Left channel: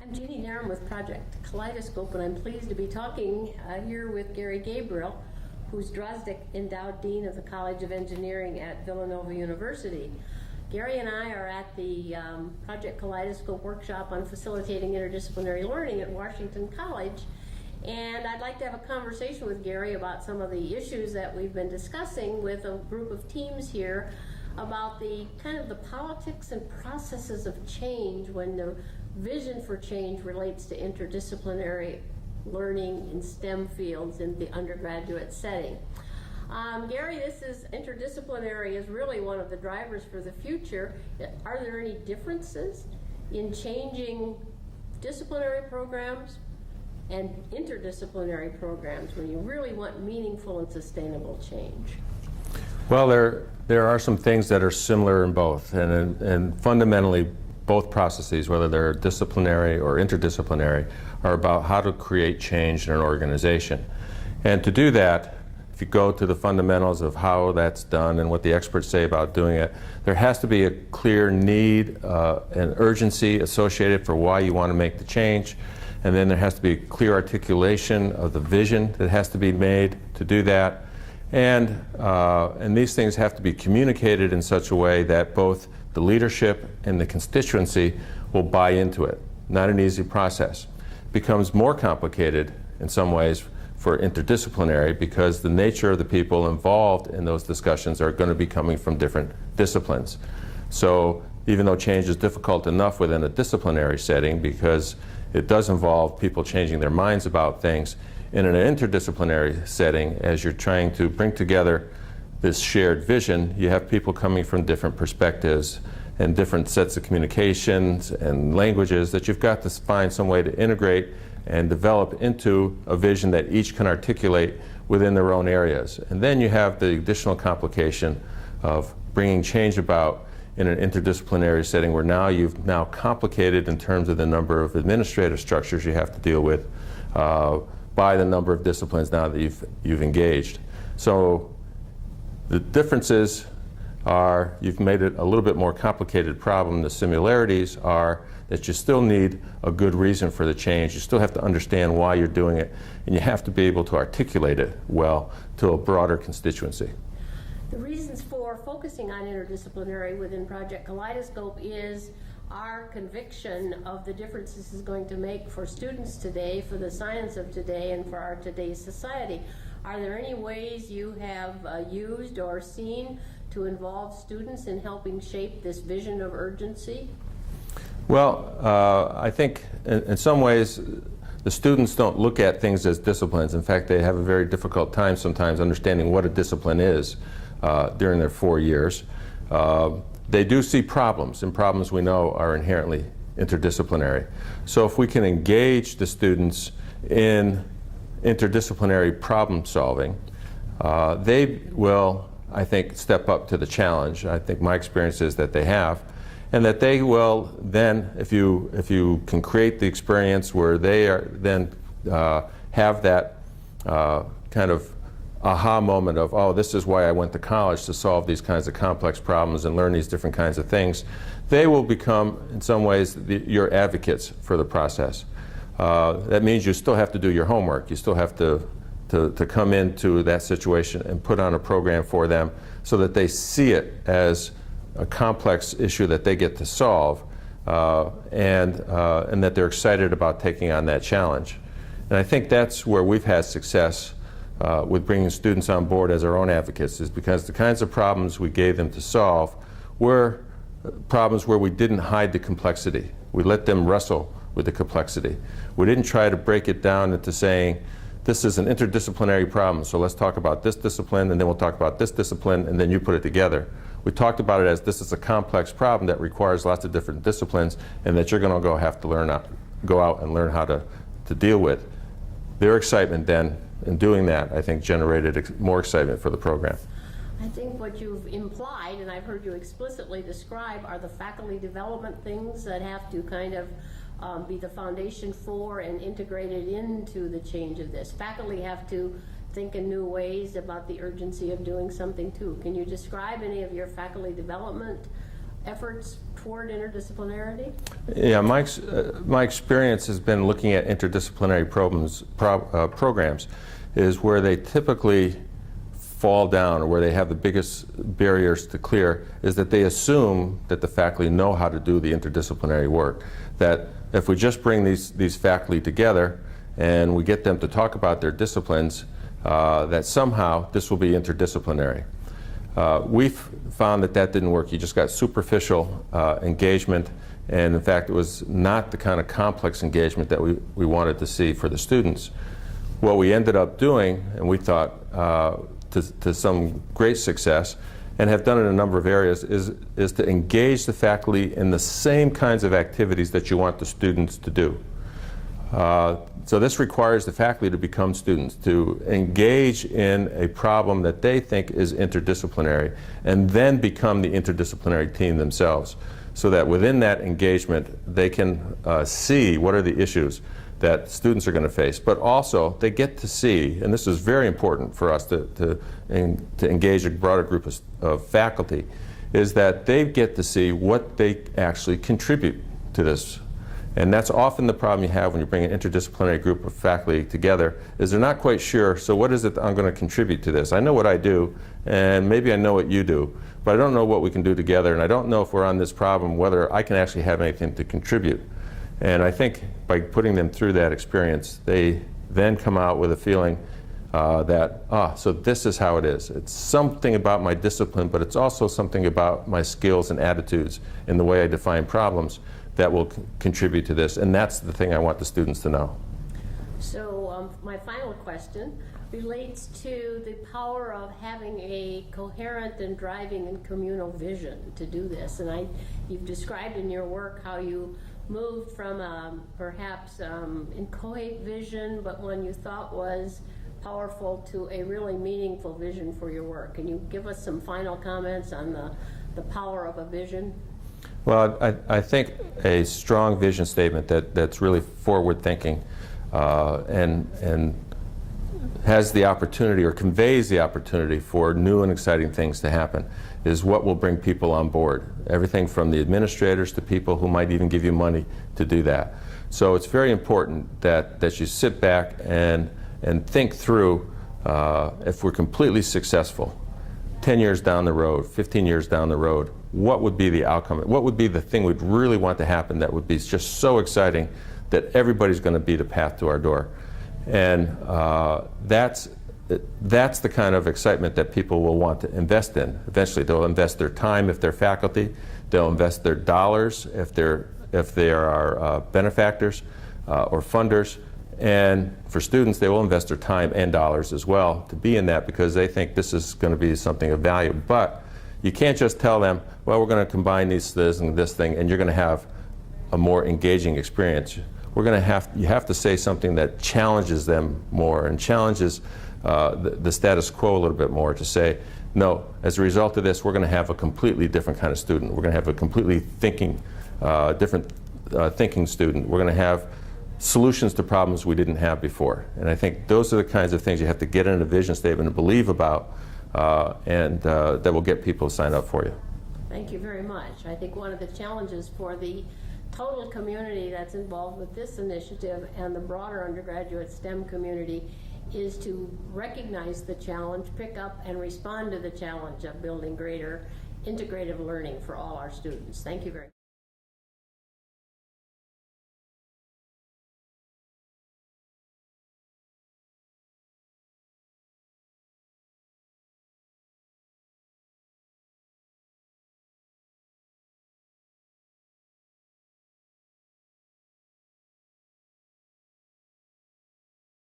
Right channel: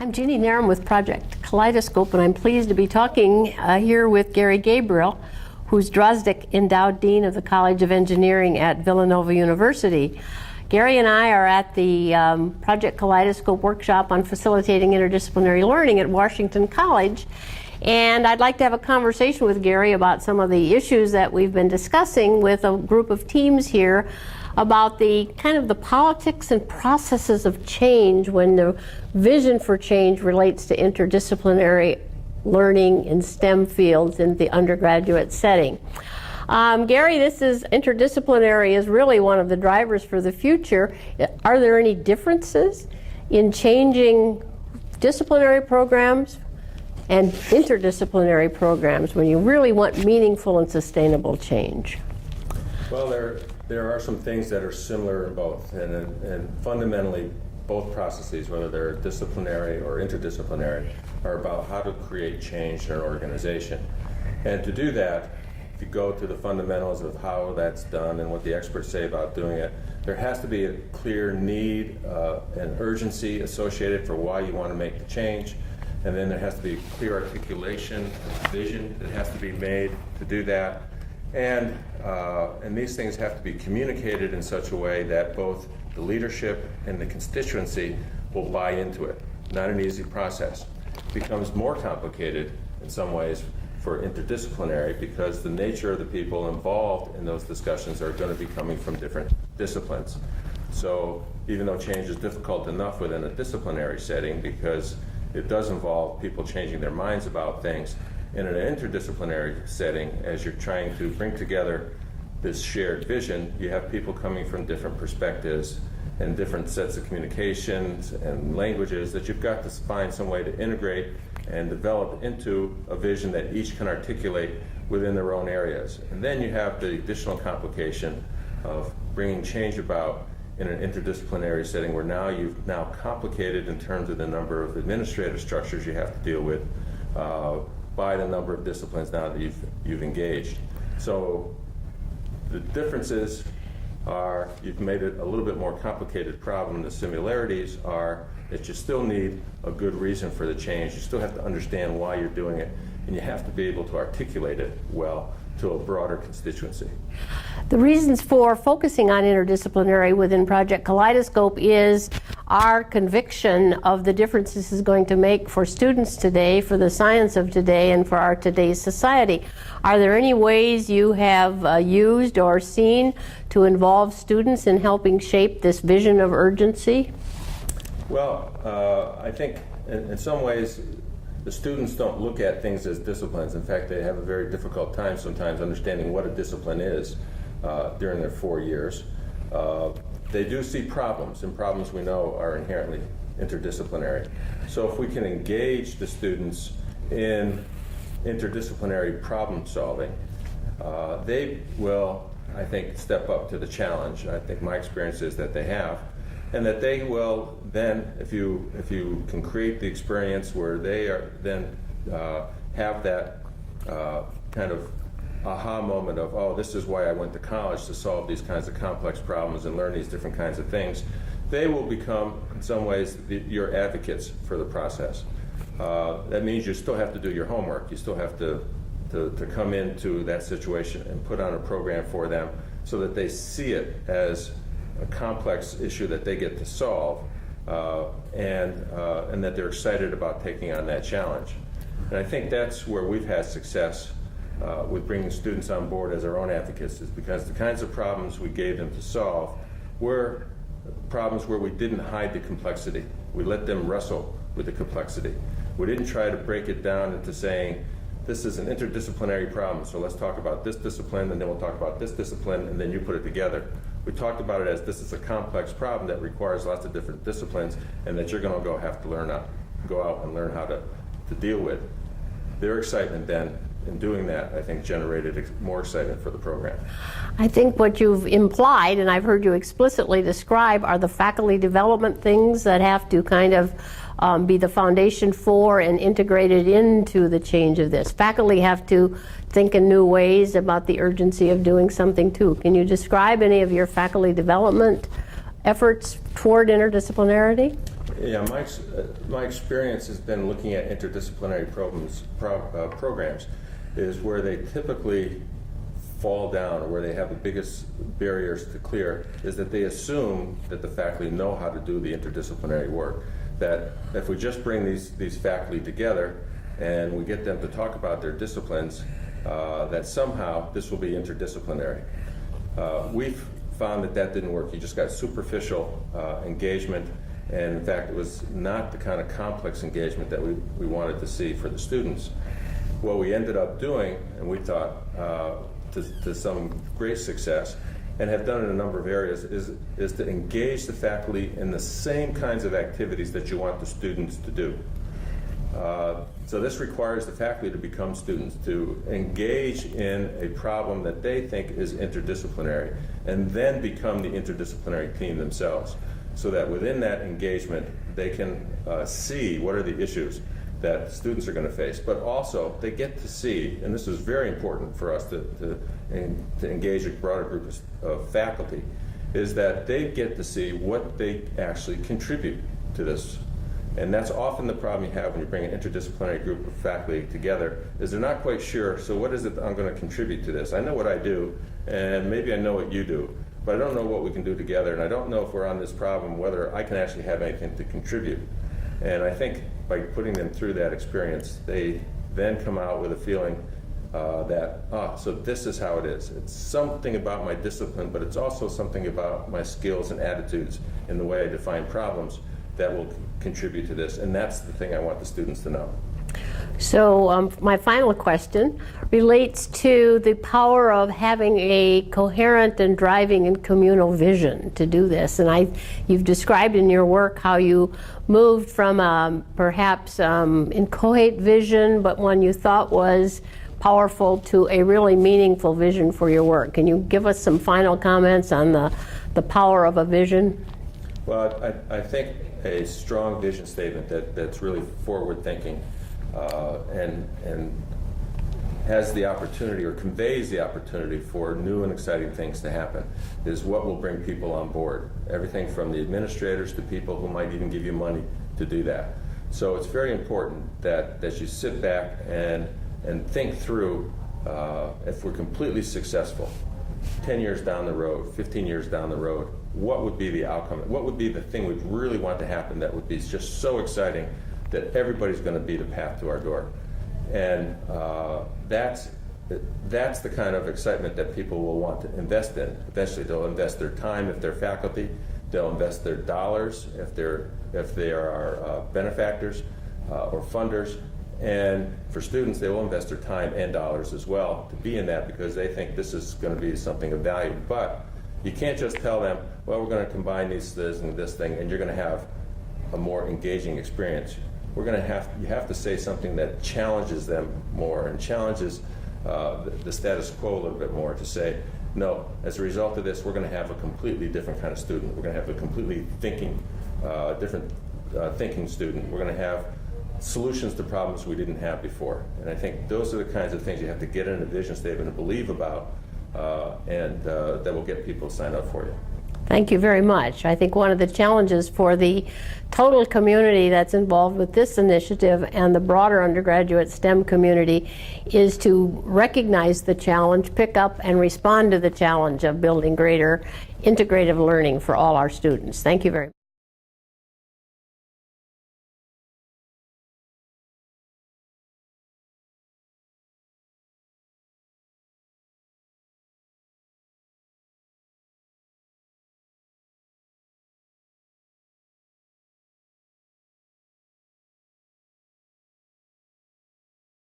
I'm Jeanne Narum with Project Kaleidescope, and I'm pleased to be talking here with Gary Gabriel, who's Drozduk Endowed Dean of the College of Engineering at Villanova University. Gary and I are at the Project Kaleidescope workshop on facilitating interdisciplinary learning at Washington College, and I'd like to have a conversation with Gary about some of the issues that we've been discussing with a group of teams here about the kind of the politics and processes of change when the vision for change relates to interdisciplinary learning in STEM fields in the undergraduate setting. Gary, this is interdisciplinary is really one of the drivers for the future. Are there any differences in changing disciplinary programs and interdisciplinary programs when you really want meaningful and sustainable change? Well, there are some things that are similar in both, and fundamentally both processes, whether they're disciplinary or interdisciplinary, are about how to create change in an organization. And to do that, if you go to the fundamentals of how that's done and what the experts say about doing it, there has to be a clear need and urgency associated for why you want to make the change. And then there has to be clear articulation of the vision that has to be made to do that. And these things have to be communicated in such a way that both the leadership and the constituency will buy into it. Not an easy process. It becomes more complicated in some ways for interdisciplinary because the nature of the people involved in those discussions are going to be coming from different disciplines. So even though change is difficult enough within a disciplinary setting because it does involve people changing their minds about things, in an interdisciplinary setting, as you're trying to bring together this shared vision, you have people coming from different perspectives and different sets of communications and languages that you've got to find some way to integrate and develop into a vision that each can articulate within their own areas. And then you have the additional complication of bringing change about in an interdisciplinary setting where now you've complicated in terms of the number of administrative structures you have to deal with by the number of disciplines now that you've engaged. So the differences are you've made it a little bit more complicated problem. The similarities are that you still need a good reason for the change. You still have to understand why you're doing it, and you have to be able to articulate it well to a broader constituency. The reasons for focusing on interdisciplinary within Project Kaleidescope is our conviction of the difference this is going to make for students today, for the science of today, and for our today's society. Are there any ways you have used or seen to involve students in helping shape this vision of urgency? Well, I think in some ways the students don't look at things as disciplines. In fact, they have a very difficult time sometimes understanding what a discipline is during their 4 years. They do see problems, and problems we know are inherently interdisciplinary. So if we can engage the students in interdisciplinary problem solving, they will, I think, step up to the challenge. I think my experience is that they have, and that they will then, if you can create the experience where they are then have that kind of aha moment of, oh, this is why I went to college, to solve these kinds of complex problems and learn these different kinds of things, they will become, in some ways, your advocates for the process. That means you still have to do your homework. You still have to come into that situation and put on a program for them so that they see it as a complex issue that they get to solve and that they're excited about taking on that challenge. And I think that's where we've had success with bringing students on board as our own advocates, is because the kinds of problems we gave them to solve were problems where we didn't hide the complexity. We let them wrestle with the complexity. We didn't try to break it down into saying, this is an interdisciplinary problem, so let's talk about this discipline, and then we'll talk about this discipline, and then you put it together. We talked about it as this is a complex problem that requires lots of different disciplines, and that you're going to have to go out and learn how to deal with. Their excitement then in doing that, I think, generated more excitement for the program. I think what you've implied, and I've heard you explicitly describe, are the faculty development things that have to kind of be the foundation for and integrated into the change of this. Faculty have to think in new ways about the urgency of doing something too. Can you describe any of your faculty development efforts toward interdisciplinarity? Yeah, my experience has been looking at interdisciplinary programs is where they typically fall down, or where they have the biggest barriers to clear, is that they assume that the faculty know how to do the interdisciplinary work. That if we just bring these faculty together and we get them to talk about their disciplines, that somehow this will be interdisciplinary. We've found that that didn't work. You just got superficial engagement, and in fact it was not the kind of complex engagement that we wanted to see for the students. What we ended up doing, and we thought to some great success, and have done in a number of areas, is to engage the faculty in the same kinds of activities that you want the students to do. So this requires the faculty to become students, to engage in a problem that they think is interdisciplinary, and then become the interdisciplinary team themselves, so that within that engagement they can see what are the issues that students are going to face. But also they get to see, and this is very important for us to engage a broader group of faculty, is that they get to see what they actually contribute to this. And that's often the problem you have when you bring an interdisciplinary group of faculty together, is they're not quite sure, so what is it that I'm going to contribute to this? I know what I do, and maybe I know what you do, but I don't know what we can do together, and I don't know if we're on this problem whether I can actually have anything to contribute. And I think by putting them through that experience, they then come out with a feeling so this is how it is. It's something about my discipline, but it's also something about my skills and attitudes in the way I define problems that will contribute to this. And that's the thing I want the students to know. So my final question relates to the power of having a coherent and driving and communal vision to do this. And you've described in your work how you moved from perhaps inchoate vision, but one you thought was powerful, to a really meaningful vision for your work. Can you give us some final comments on the power of a vision? Well, I think a strong vision statement that's really forward-thinking and has the opportunity, or conveys the opportunity, for new and exciting things to happen is what will bring people on board. Everything from the administrators to people who might even give you money to do that. So it's very important that you sit back and think through, if we're completely successful, 10 years down the road, 15 years down the road, what would be the outcome? What would be the thing we'd really want to happen that would be just so exciting that everybody's going to be the path to our door? And that's the kind of excitement that people will want to invest in. Eventually they'll invest their time if they're faculty, they'll invest their dollars if they are benefactors or funders, and for students they will invest their time and dollars as well to be in that, because they think this is going to be something of value. But you can't just tell them, well, we're going to combine this and this thing, and you're going to have a more engaging experience. You have to say something that challenges them more and challenges the status quo a little bit more, to say, no, as a result of this, we're going to have a completely different kind of student. We're going to have a completely different thinking student. We're going to have solutions to problems we didn't have before. And I think those are the kinds of things you have to get in a vision statement and believe about, and that will get people to sign up for you. Thank you very much. I think one of the challenges for the total community that's involved with this initiative and the broader undergraduate STEM community is to recognize the challenge, pick up and respond to the challenge of building greater integrative learning for all our students. Thank you very much.